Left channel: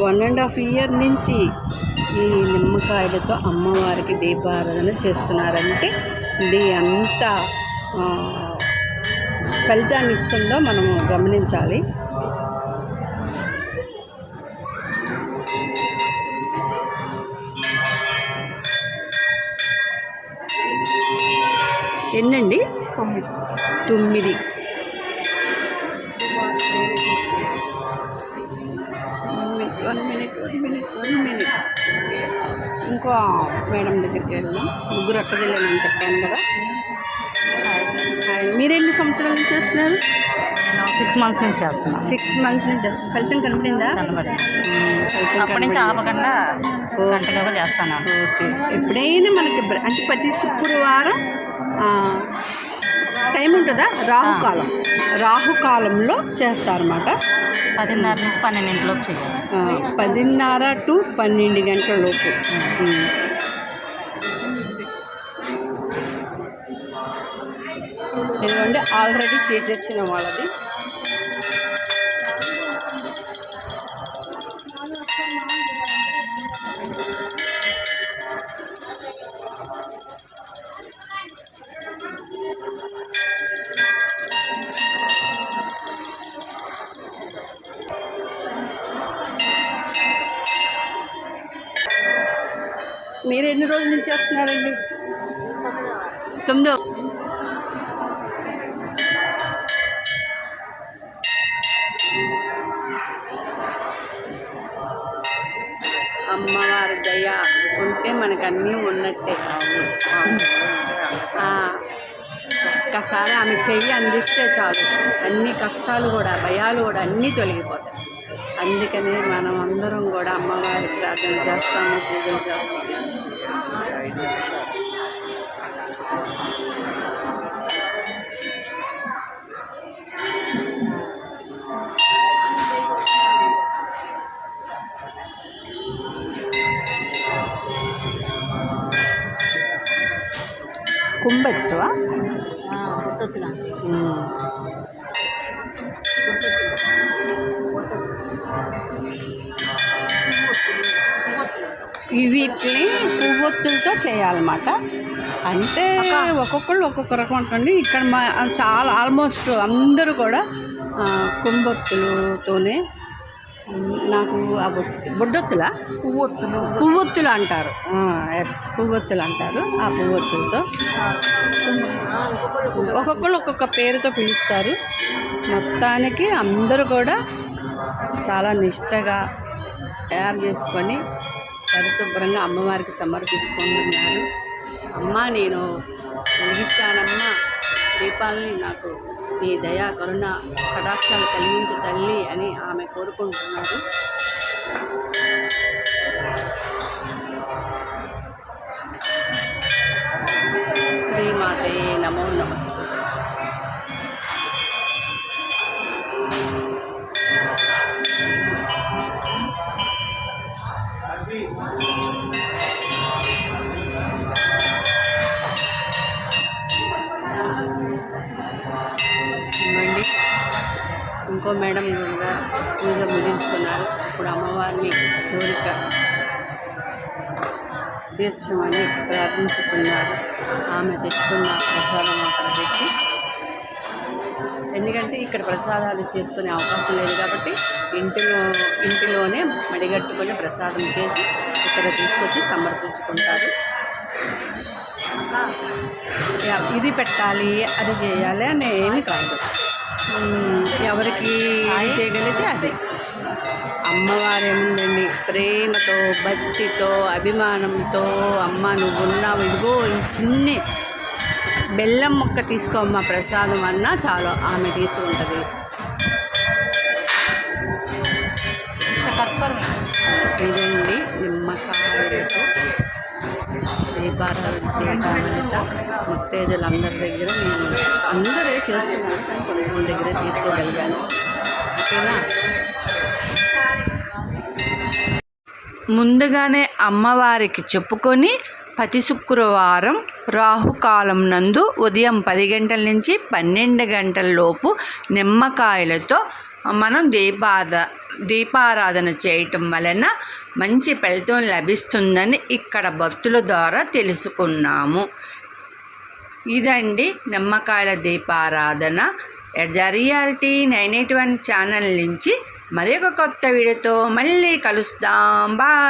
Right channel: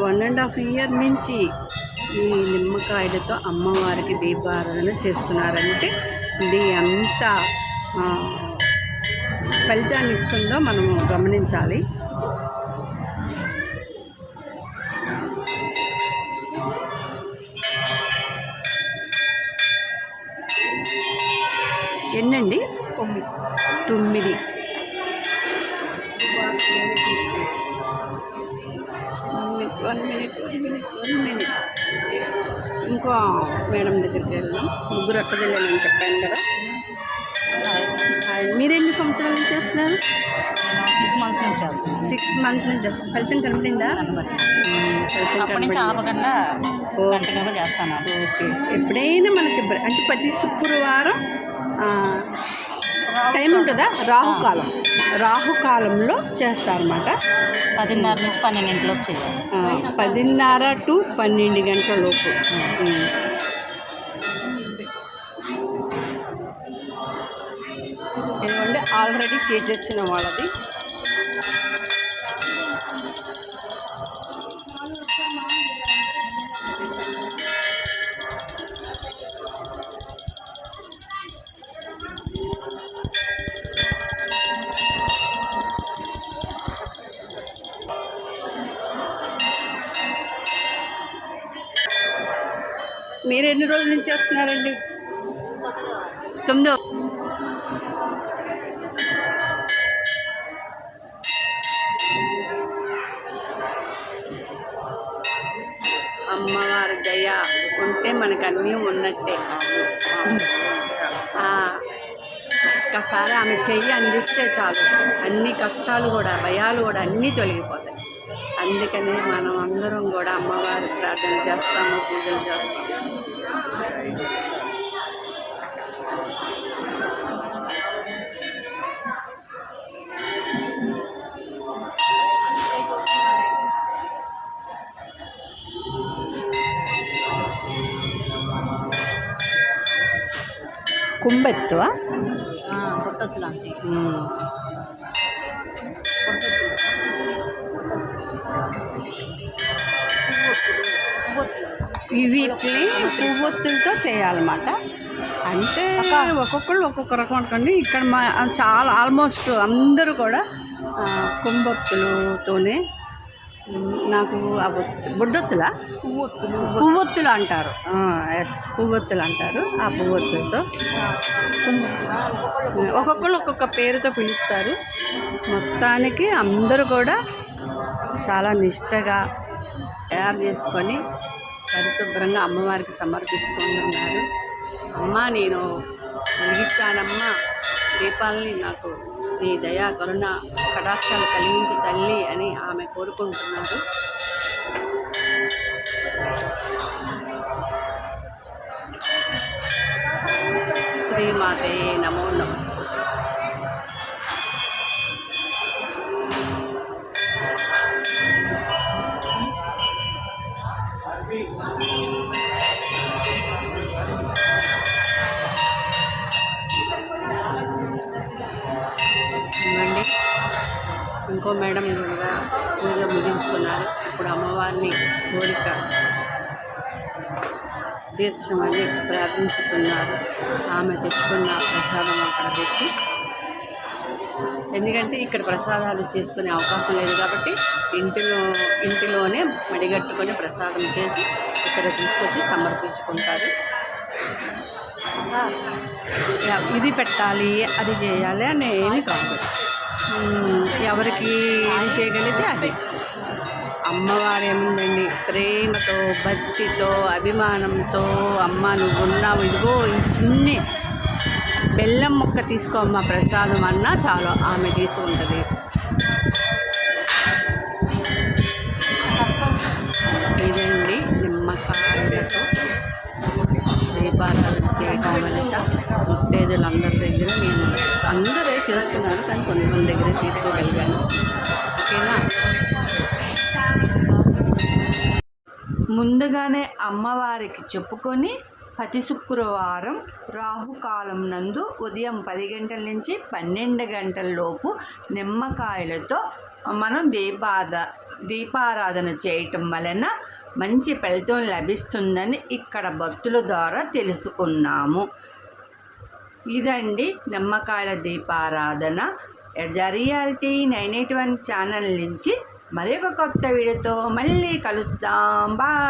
1.5 year నుంచి ఈ నిమ్మకాయలతో అమ్మవారికి దీపారాధన చేస్తున్నారంటే ఇది ఎంత ఫలితాన్ని ఇస్తుందో మనము గమనించాలి. ఎన్నండి? 9. One minute. ఇంకో మేడం దగ్గరికి వెళ్దాం. 3 అక్కజల్లేనని చెప్పాను కదా. మీరు ఎన్ని సంవత్సరాల నుంచి చేస్తున్నారు? 6 months నుంచి చేస్తున్నాను. 6 months నుంచి. ఫలితం కనపడిందా? ఫలితం కనపడకుండా కంటిన్యూగా చేస్తాను. ఓకే. ఎప్పుడైనా మనకి అంటే ప్రతి శుక్రవారం టైం ఉంటుందా? రాహుకాలంలో చేస్తారన్నమాట. 10:30 నుంచి 12 లోపు చేయాలి. 10:30 to 12 గంటల లోపు. ఎందుకంటే ఆల్రెడీ చేసేసిన వాళ్ళది. మీరు ఎన్ని రోజుల నుంచి చేస్తున్నారండి? 9వ. అమ్మవారి దయ ఉంటే మనకు అన్నీ ఉన్నట్టే. ఒక్కసారి ఆమె చెయ్యి అందిస్తే చాలు, అన్ని కష్టాలు కూడా, భయాలు కూడా అన్నీ తొలగిపోతాయి. అందుకని మనం అందరం కూడా అమ్మవారి ప్రార్థన చేస్తాము, పూజలు చేస్తాము. కుంభెత్తువా? గుట్టొత్తులు అంటే వీటిని పువ్వొత్తులతో చేయాలన్నమాట. అంటే ఒక్కొక్కళ్ళు ఒక్కొక్క రకం అనుకోండి. ఇక్కడ చాలా ఆల్మోస్ట్ అందరూ కూడా కుంభొత్తులతోనే. నాకు ఆ బొడ్డొత్తులా? పువ్వొత్తులు అంటారు. ఎస్, పువ్వొత్తులు అంటారు. ఆ పువ్వొత్తులతో ఒక్కొక్కళ్ళు ఒక్కొక్క పేరుతో పిలుస్తారు. మొత్తానికి అందరూ కూడా చాలా నిష్టగా తయారు చేసుకొని పరిశుభ్రంగా అమ్మవారికి సమర్పించుకుంటున్నారు. అమ్మ, నేను వెలిగించానమ్మా దీపాలని, నాకు నీ దయా కరుణ కటాక్షాలు కలిగించు తల్లి అని ఆమె కోరుకుంటున్నారు. శ్రీమాతే నమో నమస్తే. ఇవ్వండి. ఇంకో మేడం కూడా పూజ ముగించుకున్నారు. ఇప్పుడు అమ్మవారిని కోరిక తీర్చమని ప్రార్థించుతున్నారు. ఆమె తెచ్చుకున్న ప్రసాదం అక్కడ పెట్టి, ఎందుకంటే ఇక్కడ ప్రసాదాలు చేసుకునే అవకాశం లేదు కాబట్టి ఇంటిలోనే మడిగట్టుకొని ప్రసాదం చేసి ఇక్కడ తీసుకొచ్చి సమర్పించుకుంటారు. ఇది పెట్టాలి, అది చేయాలి అని ఏమీ కాదు. ఎవరికి ఇది చేయగలిగితే అది. అమ్మవారు ఏముందండి, ప్రేమతో, భక్తితో, అభిమానంతో, అమ్మ నువ్వున్నావు, ఇదిగో ఈ చిన్ని బెల్లం ముక్క తీసుకోమ్మ ప్రసాదం అన్నా చాలు, ఆమె తీసుకుంటుంది. ఇదండి నిమ్మకాయలతో దీపారాధన చేయటం వల్ల ముత్తైదులందరి దగ్గర నేను అందరే చేస్తున్నాను, కానీ కొంతమంది దగ్గరే తీసుకోగలిగాను. ఓకేనా? ముందుగానే అమ్మవారికి చెప్పుకొని ప్రతి శుక్రవారం రాహుకాలం నందు ఉదయం 10 గంటల నుంచి 12 గంటల లోపు నిమ్మకాయలతో మనం దీపారాధన చేయటం వలన మంచి ఫలితం లభిస్తుందని ఇక్కడ భక్తుల ద్వారా తెలుసుకున్నాము. ఇదండి నిమ్మకాయల దీపారాధన. ద రియాలిటీ 981 ఛానల్ నుంచి మరి ఒక కొత్త వీడియోతో మళ్ళీ కలుస్తాం. బాయ్.